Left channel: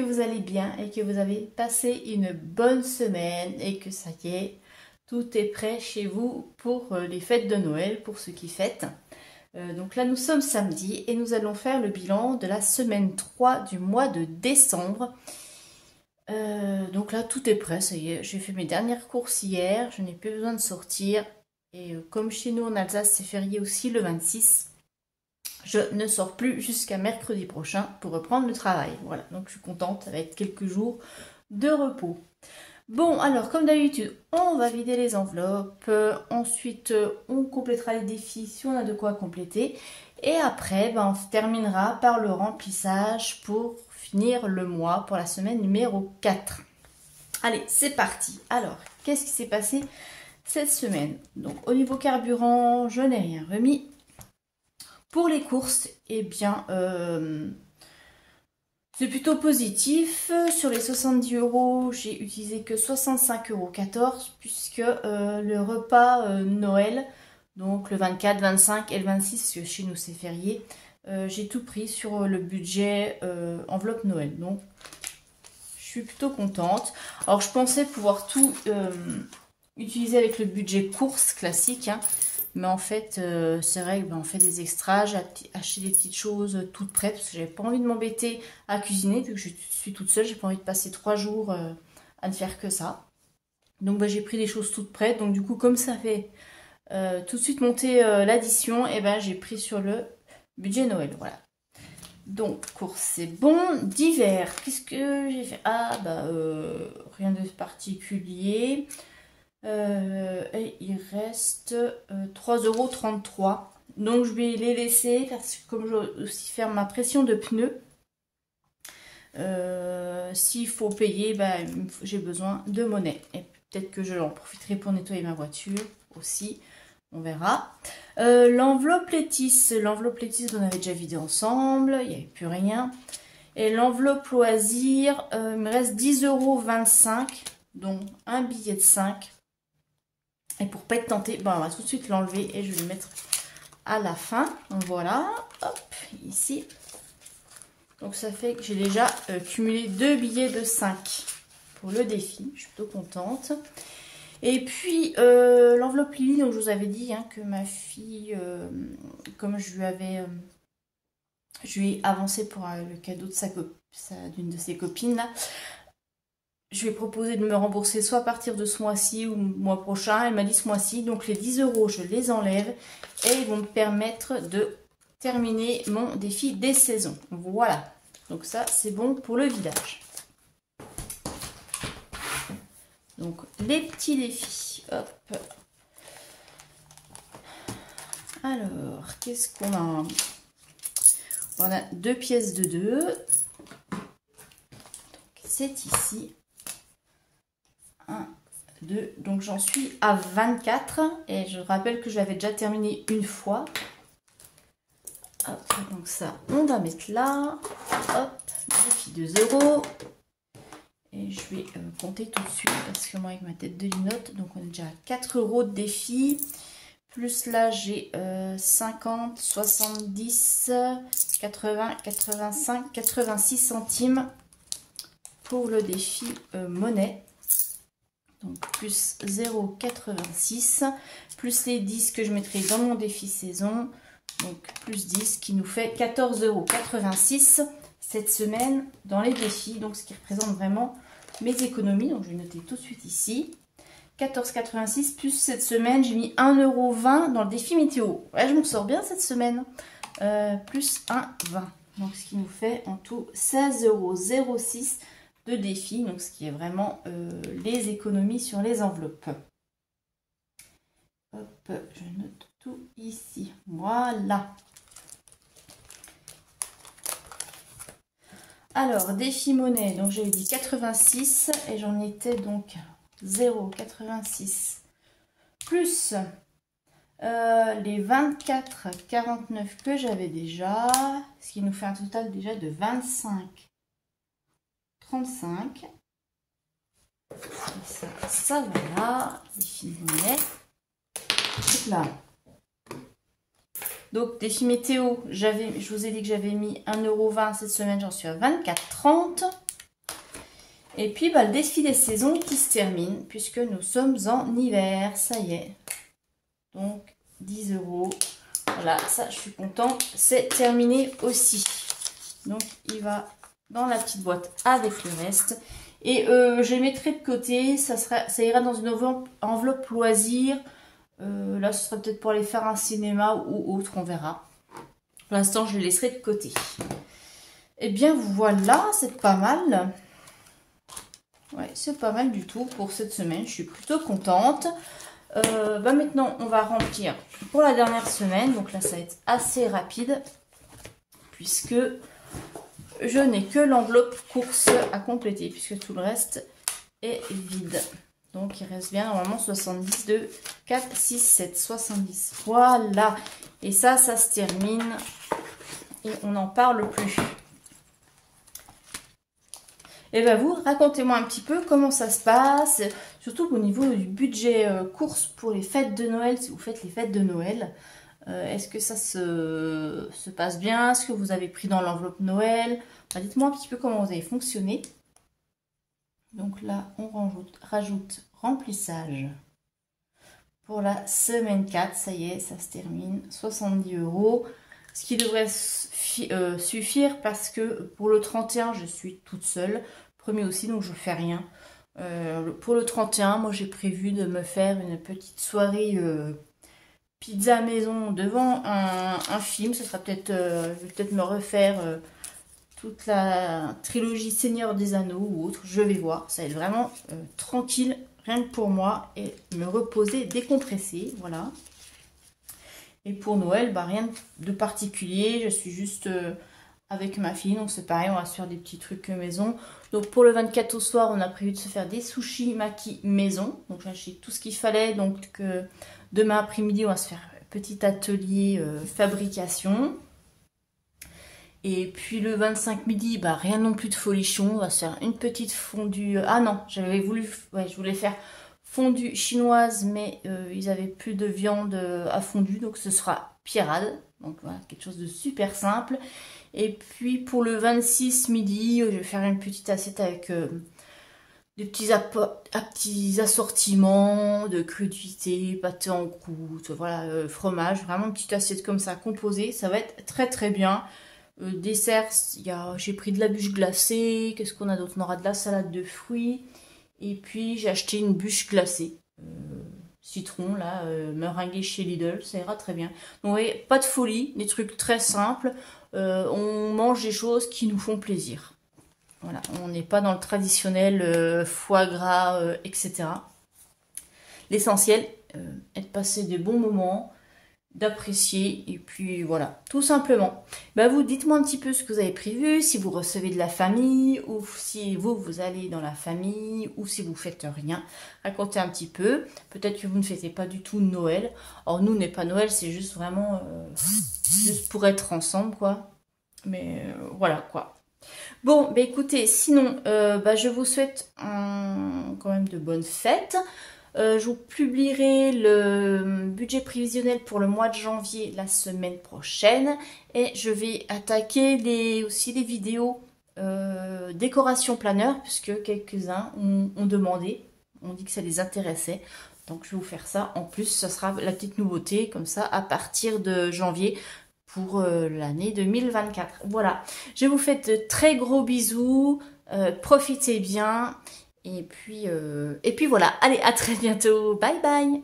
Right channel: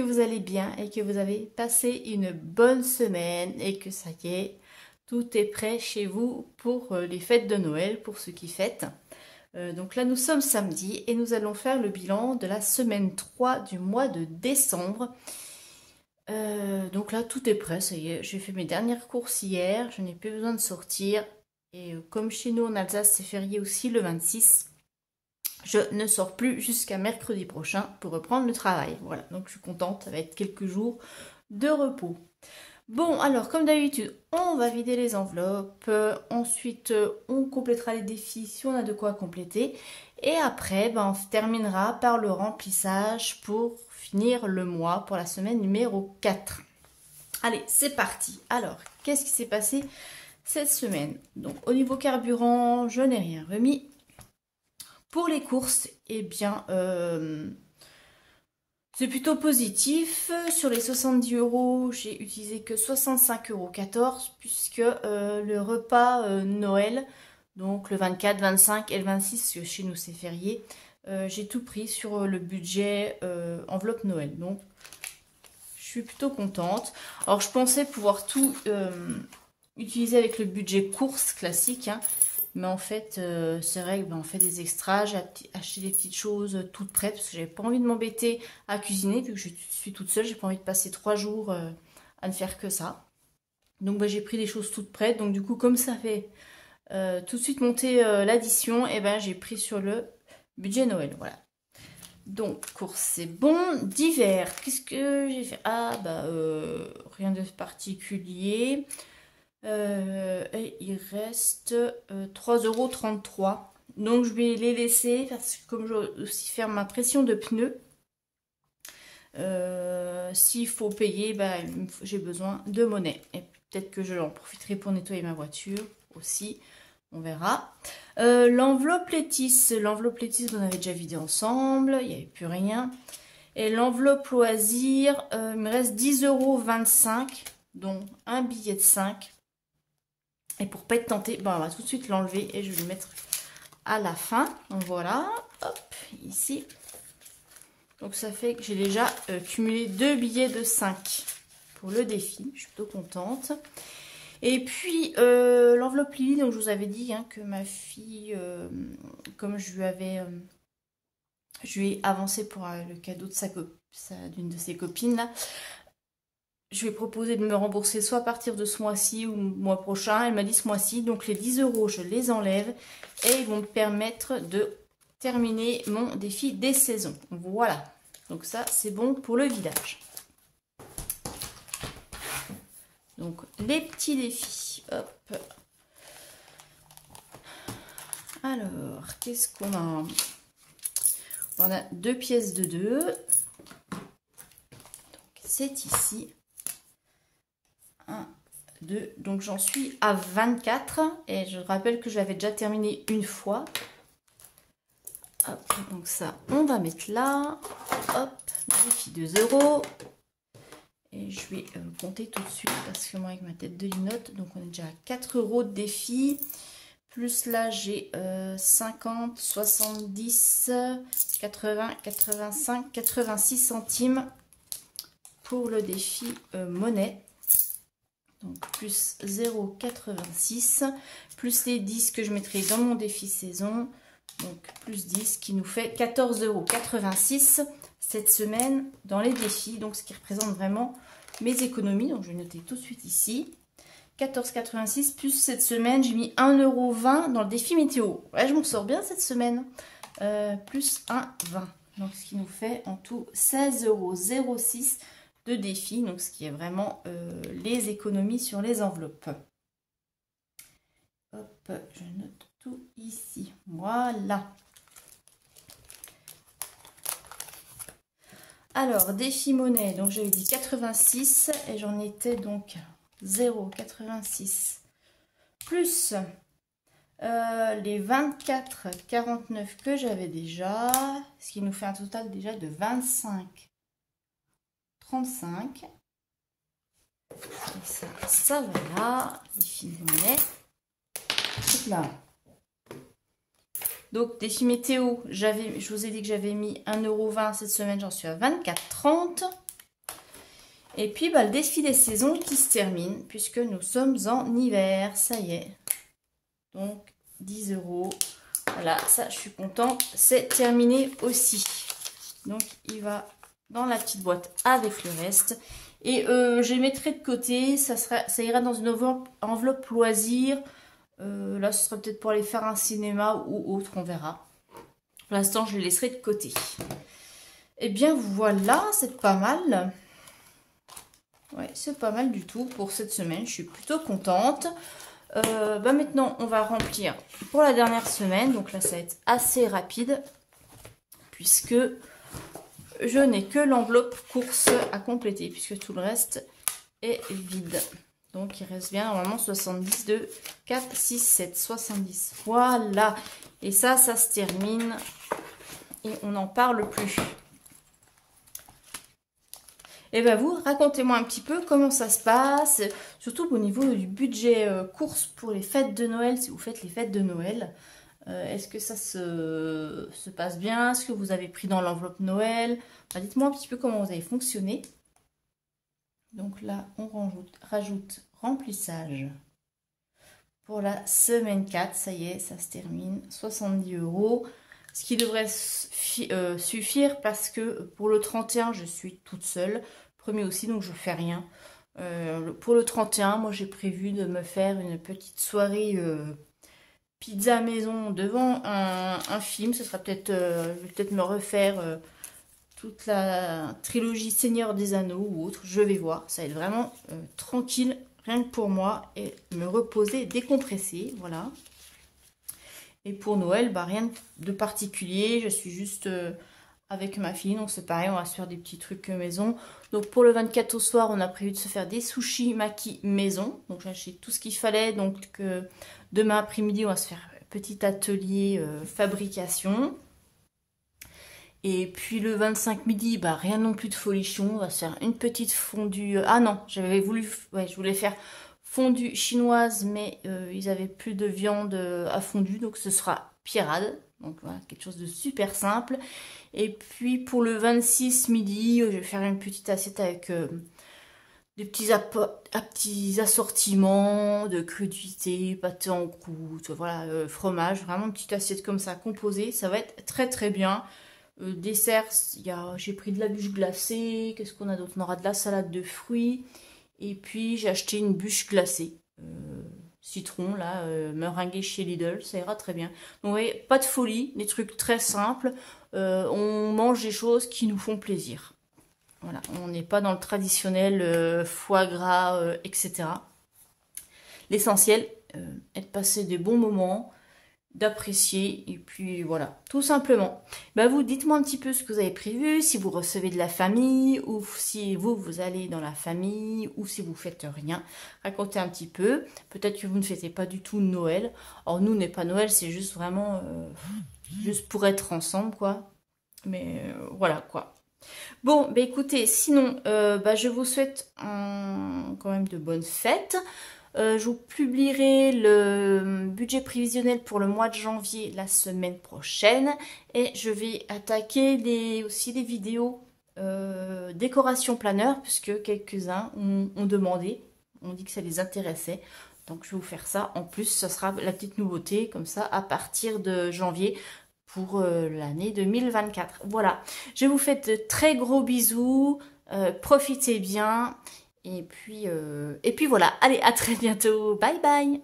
que vous allez bien et que vous avez passé une bonne semaine et que ça y est, tout est prêt chez vous pour les fêtes de Noël, pour ceux qui fêtent. Donc là, nous sommes samedi et nous allons faire le bilan de la semaine 3 du mois de décembre. Donc là, tout est prêt, ça y est, j'ai fait mes dernières courses hier, je n'ai plus besoin de sortir. Et comme chez nous en Alsace, c'est férié aussi le 26. Je ne sors plus jusqu'à mercredi prochain pour reprendre le travail. Voilà, donc je suis contente, ça va être quelques jours de repos. Bon, alors comme d'habitude, on va vider les enveloppes. Ensuite, on complétera les défis si on a de quoi compléter. Et après, on terminera par le remplissage pour finir le mois pour la semaine numéro 4. Allez, c'est parti. Alors, qu'est-ce qui s'est passé cette semaine? Donc, au niveau carburant, je n'ai rien remis. Pour les courses, eh bien, c'est plutôt positif. Sur les 70 €, j'ai utilisé que 65,14 € puisque le repas Noël, donc le 24, 25 et le 26, que chez nous c'est férié, j'ai tout pris sur le budget enveloppe Noël. Donc, je suis plutôt contente. Alors, je pensais pouvoir tout utiliser avec le budget course classique, hein. Mais en fait, c'est vrai que on fait des extras, j'ai acheté des petites choses toutes prêtes parce que j'avais pas envie de m'embêter à cuisiner vu que je suis toute seule, j'ai pas envie de passer 3 jours à ne faire que ça. Donc j'ai pris des choses toutes prêtes, donc du coup comme ça fait tout de suite monter l'addition, et j'ai pris sur le budget Noël, voilà. Donc course c'est bon, d'hiver, qu'est-ce que j'ai fait? Rien de particulier. Et il reste 3,33 €. Donc je vais les laisser parce que comme je vais aussi faire ma pression de pneus, s'il faut payer, j'ai besoin de monnaie. Et peut-être que je en profiterai pour nettoyer ma voiture aussi. On verra. L'enveloppe Létis, on avait déjà vidé ensemble, il n'y avait plus rien. Et l'enveloppe loisir, il me reste 10,25 €, donc un billet de 5. Et pour pas être tenté, on va tout de suite l'enlever et je vais le mettre à la fin. Donc voilà, hop, ici. Donc ça fait que j'ai déjà cumulé 2 billets de 5 pour le défi. Je suis plutôt contente. Et puis l'enveloppe Lily, donc je vous avais dit que ma fille, comme je lui ai avancé pour le cadeau de d'une de ses copines là. Je lui ai proposé de me rembourser soit à partir de ce mois-ci ou le mois prochain. Elle m'a dit ce mois-ci. Donc les 10 €, je les enlève et ils vont me permettre de terminer mon défi des saisons. Voilà. Donc ça, c'est bon pour le vidage. Donc les petits défis. Hop. Alors, qu'est-ce qu'on a? On a 2 pièces de 2. C'est ici. 1, 2, donc j'en suis à 24 et je rappelle que je l'avais déjà terminé une fois. Hop, donc ça on va mettre là. Hop, défi 2 €. Et je vais compter tout de suite parce que moi avec ma tête de linotte, donc on est déjà à 4 € de défi. Plus là j'ai 50, 70, 80, 85, 86 centimes pour le défi monnaie. Donc plus 0,86 plus les 10 que je mettrai dans mon défi saison, donc plus 10 qui nous fait 14,86 € cette semaine dans les défis, donc ce qui représente vraiment mes économies. Donc je vais noter tout de suite ici 14,86 plus cette semaine j'ai mis 1,20 € dans le défi météo. Ouais, je m'en sors bien cette semaine, plus 1,20 €, donc ce qui nous fait en tout 16,06 € de défi, donc ce qui est vraiment les économies sur les enveloppes. Hop, je note tout ici. Voilà. Alors, défi monnaie, donc j'avais dit 86 et j'en étais donc 0,86 plus les 24,49 que j'avais déjà, ce qui nous fait un total déjà de 25,35. Ça voilà, défi monnaie. Là. Donc défi météo, je vous ai dit que j'avais mis 1,20 € cette semaine, j'en suis à 24,30. Et puis, bah, le défi des saisons qui se termine, puisque nous sommes en hiver, ça y est. Donc, 10 €. Voilà, ça, je suis contente. C'est terminé aussi. Donc, il va dans la petite boîte avec le reste. Et je les mettrai de côté. Ça ira dans une enveloppe loisir. Là, ce sera peut-être pour aller faire un cinéma ou autre, on verra. Pour l'instant, je les laisserai de côté. Et bien, voilà, c'est pas mal. Ouais, c'est pas mal du tout pour cette semaine. Je suis plutôt contente. Bah maintenant, on va remplir pour la dernière semaine. Donc là, ça va être assez rapide. Puisque je n'ai que l'enveloppe course à compléter. Puisque tout le reste est vide. Donc, il reste bien normalement 70 de 4, 6, 7, 70. Voilà. Et ça se termine. Et on n'en parle plus. Et bien vous, racontez-moi un petit peu comment ça se passe, surtout au niveau du budget course pour les fêtes de Noël, si vous faites les fêtes de Noël. Est-ce que ça se passe bien? Est-ce que vous avez pris dans l'enveloppe Noël? Enfin, dites-moi un petit peu comment vous avez fonctionné. Donc là, on rajoute remplissage pour la semaine 4. Ça y est, ça se termine. 70 €. Ce qui devrait suffire parce que pour le 31, je suis toute seule. Premier aussi, donc je ne fais rien. Pour le 31, moi j'ai prévu de me faire une petite soirée pizza maison devant un film. Ce sera peut-être, je vais peut-être me refaire toute la trilogie Seigneur des Anneaux ou autre. Je vais voir. Ça va être vraiment tranquille, rien que pour moi, et me reposer, décompresser. Voilà. Et pour Noël, bah, rien de particulier. Je suis juste avec ma fille. Donc c'est pareil, on va se faire des petits trucs maison. Donc pour le 24 au soir, on a prévu de se faire des sushis maki maison. Donc j'ai acheté tout ce qu'il fallait. Donc demain après-midi, on va se faire un petit atelier fabrication. Et puis le 25 midi, bah, rien non plus de folichon. On va se faire une petite fondue. Ah non, j'avais voulu, ouais, je voulais faire fondue chinoise, mais ils avaient plus de viande à fondue, donc ce sera pierrade. Donc voilà, quelque chose de super simple. Et puis pour le 26 midi, je vais faire une petite assiette avec des petits assortiments de crudités, pâté en croûte, voilà, fromage, vraiment une petite assiette comme ça composée. Ça va être très très bien. Dessert, j'ai pris de la bûche glacée. Qu'est-ce qu'on a d'autre? On aura de la salade de fruits. Et puis j'ai acheté une bûche glacée, citron là, meringuée chez Lidl, ça ira très bien. Donc vous voyez, pas de folie, des trucs très simples, on mange des choses qui nous font plaisir. Voilà, on n'est pas dans le traditionnel foie gras, etc. L'essentiel est de passer des bons moments, d'apprécier, et puis voilà, tout simplement. Ben vous, dites-moi un petit peu ce que vous avez prévu, si vous recevez de la famille, ou si vous allez dans la famille, ou si vous faites rien. Racontez un petit peu. Peut-être que vous ne fêtez pas du tout Noël. Alors nous, n'est pas Noël, c'est juste vraiment juste pour être ensemble, quoi. Mais voilà, quoi. Bon, ben écoutez, sinon, je vous souhaite quand même de bonnes fêtes. Je vous publierai le budget prévisionnel pour le mois de janvier la semaine prochaine. Et je vais attaquer aussi des vidéos décoration planeur, puisque quelques-uns ont demandé, ont dit que ça les intéressait. Donc je vais vous faire ça. En plus, ça sera la petite nouveauté, comme ça, à partir de janvier pour l'année 2024. Voilà, je vous fais de très gros bisous. Profitez bien. Et puis voilà, allez, à très bientôt. Bye bye.